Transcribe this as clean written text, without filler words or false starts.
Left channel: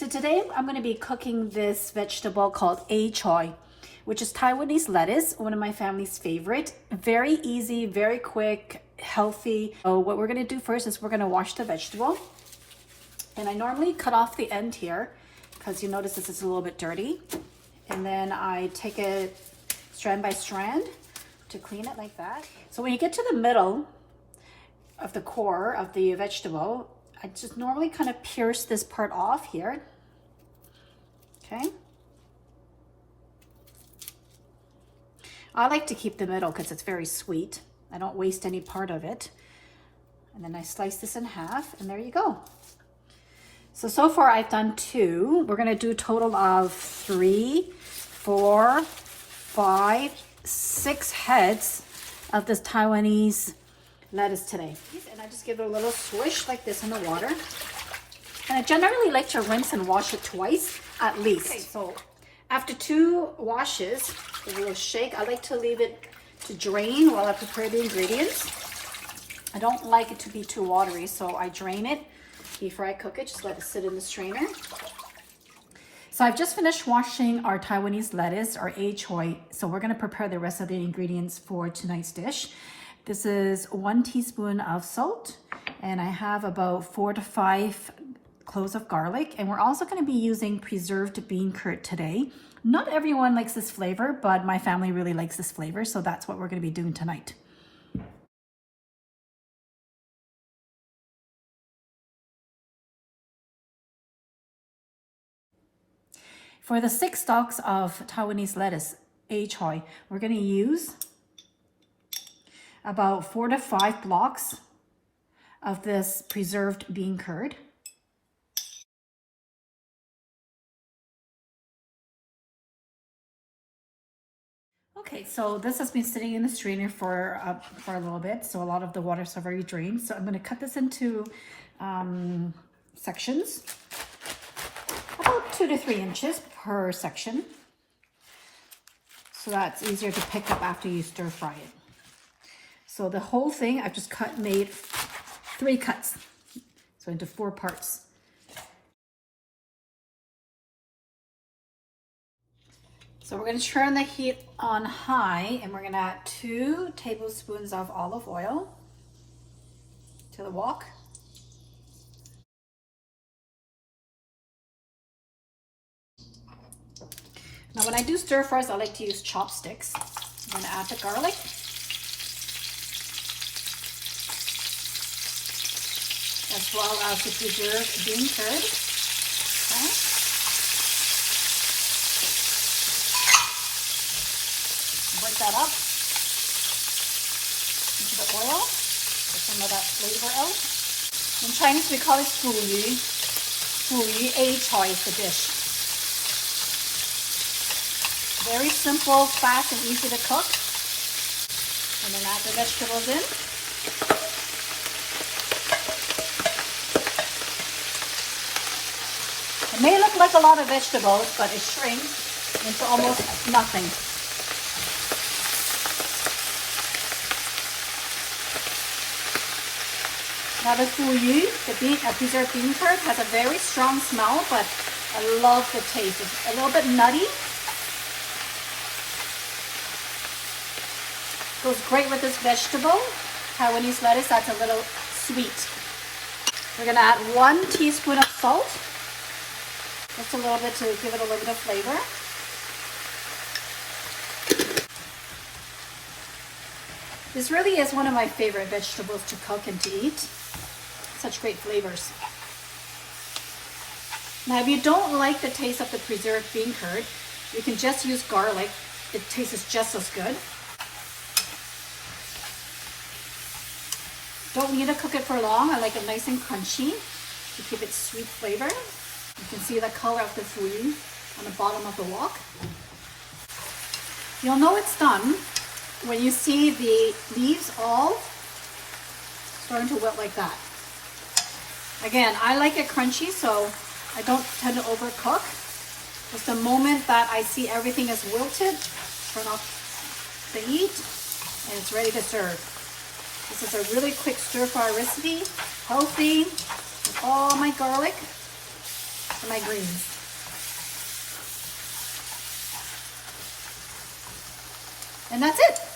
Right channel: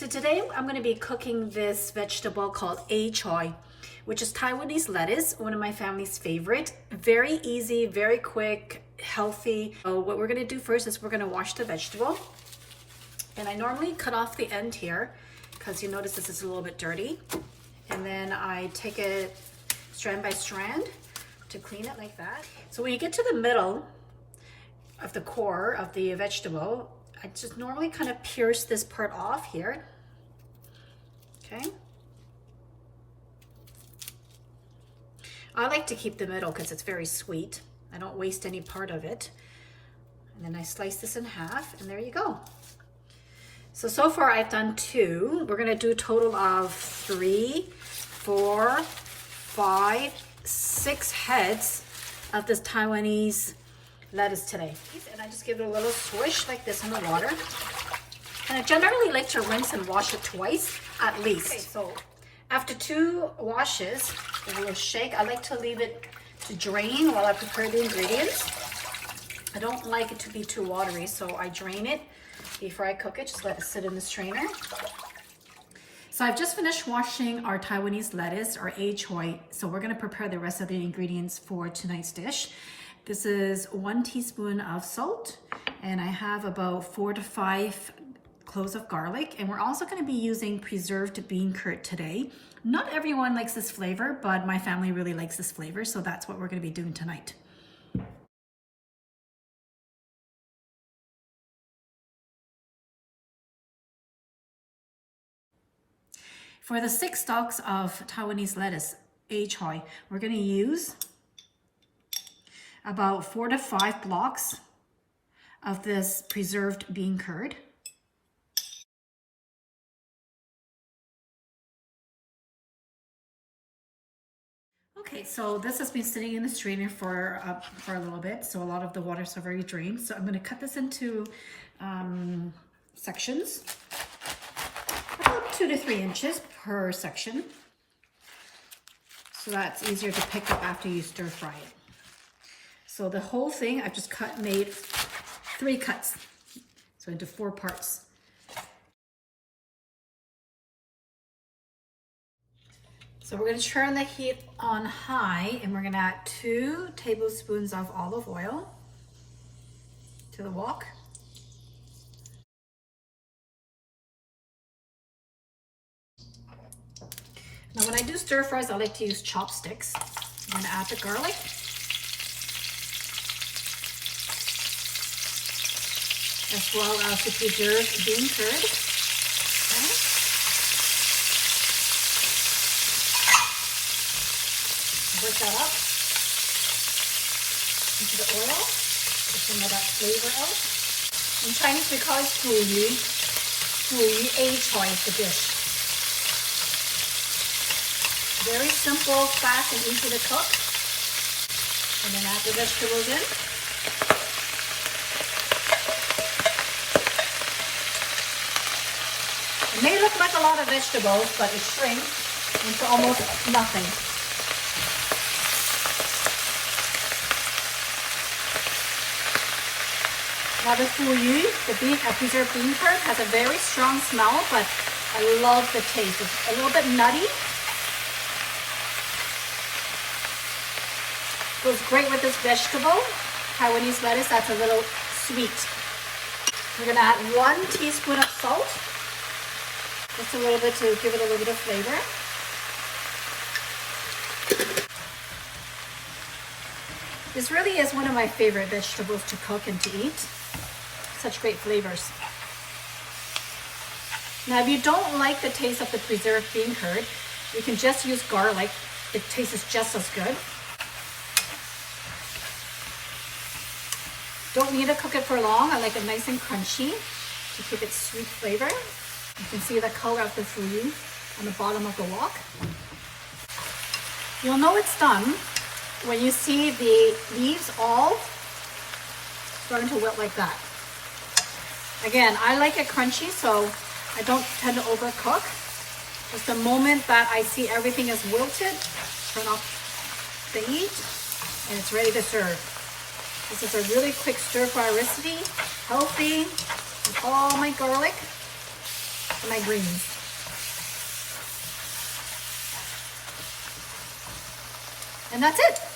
So today I'm going to be cooking this vegetable called A-Choy, which is Taiwanese lettuce, one of my family's favorite. Very easy, very quick, healthy. So what we're going to do first is we're going to wash the vegetable. And I normally cut off the end here because you notice this is a little bit dirty. And then I take it strand by strand to clean it like that. So when you get to the middle of the core of the vegetable, I just normally kind of pierce this part off here. Okay. I like to keep the middle because it's very sweet. I don't waste any part of it. And then I slice this in half, and there you go. So far I've done 2. We're gonna do a total of 3, 4, 5, 6 heads of this Taiwanese lettuce today. And I just give it a little swish like this in the water. And I generally like to rinse and wash it twice at least. Okay, so after 2 washes, give it a little shake. I like to leave it to drain while I prepare the ingredients. I don't like it to be too watery, so I drain it before I cook it. Just let it sit in the strainer. So I've just finished washing our Taiwanese lettuce, our A-Choy. So we're gonna prepare the rest of the ingredients for tonight's dish. This is 1 teaspoon of salt, and I have about 4 to 5 cloves of garlic. And we're also going to be using preserved bean curd today. Not everyone likes this flavor, but my family really likes this flavor, so that's what we're going to be doing tonight. For the 6 stalks of Taiwanese lettuce, A-Choy, we're going to use about 4 to 5 blocks of this preserved bean curd. Okay, so this has been sitting in the strainer for a little bit, so a lot of the water is already drained. So I'm going to cut this into sections, about 2 to 3 inches per section, so that's easier to pick up after you stir fry it. So the whole thing I've just made 3 cuts, so into 4 parts. So we're going to turn the heat on high, and we're going to add 2 tablespoons of olive oil to the wok. Now when I do stir fries, I like to use chopsticks. I'm going to add the garlic. As well as the preserved bean curd. Okay. Work that up into the oil, get some of that flavor out. In Chinese we call it fuyu. Fuyu A-Choy is the dish. Very simple, fast, and easy to cook. And then add the vegetables in. It may look like a lot of vegetables, but it shrinks into almost nothing. Now the fuyu, the preserved bean curd, has a very strong smell, but I love the taste. It's a little bit nutty. Goes great with this vegetable. Taiwanese lettuce, that's a little sweet. We're gonna add 1 teaspoon of salt. Just a little bit to give it a little bit of flavor. This really is one of my favorite vegetables to cook and to eat. Such great flavors. Now if you don't like the taste of the preserved bean curd, you can just use garlic. It tastes just as good. Don't need to cook it for long. I like it nice and crunchy to keep its sweet flavor. You can see the color of the fuyu on the bottom of the wok. You'll know it's done when you see the leaves all starting to wilt like that. Again, I like it crunchy, so I don't tend to overcook. Just the moment that I see everything is wilted, turn off the heat, and it's ready to serve. This is a really quick stir fry recipe, healthy, with all my garlic. for my greens. And that's it.